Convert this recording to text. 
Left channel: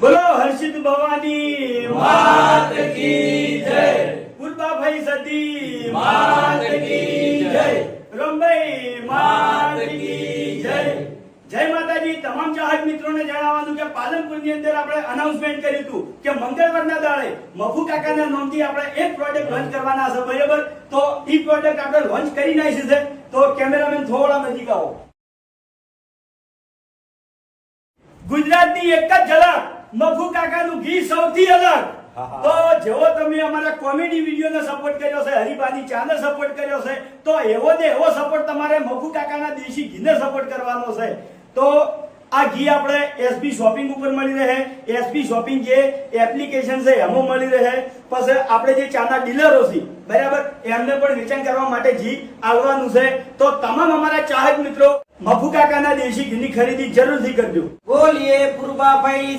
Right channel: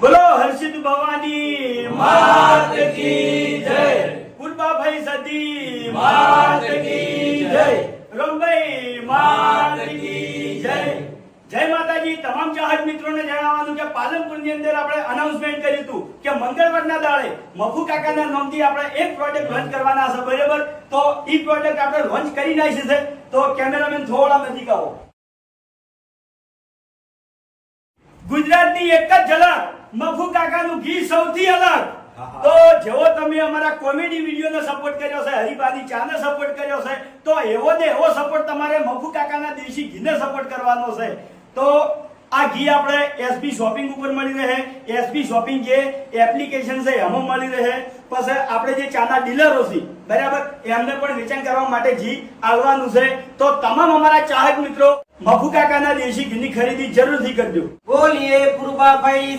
બોલો હર્ષિત ભવાની માત કી જય, પુરબાભાઈ સતી માત કી જય, રમભાઈ માત કી જય. જય માતાજી. તમામ ચાહક મિત્રોને જણાવવાનું કે પાલનપુરની અંદર આપણે અનાઉન્સમેન્ટ કર્યું હતું કે મંગળવારના દાડે મફુ કાકાના નામથી આપણે એક પ્રોજેક્ટ લોન્ચ કરવાના છે, બરાબર? તો એ પ્રોજેક્ટ આપણે લોન્ચ કરી નાખી છે. તો કેમેરામેન થોડા નજીક આવો. ગુજરાતની એક જ ઝલક, મફુ કાકાનું ગીત સૌથી અલગ. તો જેવો તમે અમારા કોમેડી વિડીયોને સપોર્ટ કર્યો છે, હરિભાની ચાને સપોર્ટ કર્યો છે, તો એવો ને એવો સપોર્ટ તમારે મફુ કાકાના દેશી ઘીને સપોર્ટ કરવાનો છે. તો આ ઘી આપણે એસબી શોપિંગ ઉપર મળી રહે. એસબી શોપિંગ જે એપ્લિકેશન છે એમાં મળી રહે. પછી આપણે જે ચાના ડીલરો છે, બરાબર, એમને પણ વેચાણ કરવા માટે ઘી આવવાનું છે. તો તમામ અમારા ચાહક મિત્રો મફુ કાકાના દેશી ઘીની ખરીદી જરૂરથી કરજો. બોલીએ પુરબાભાઈ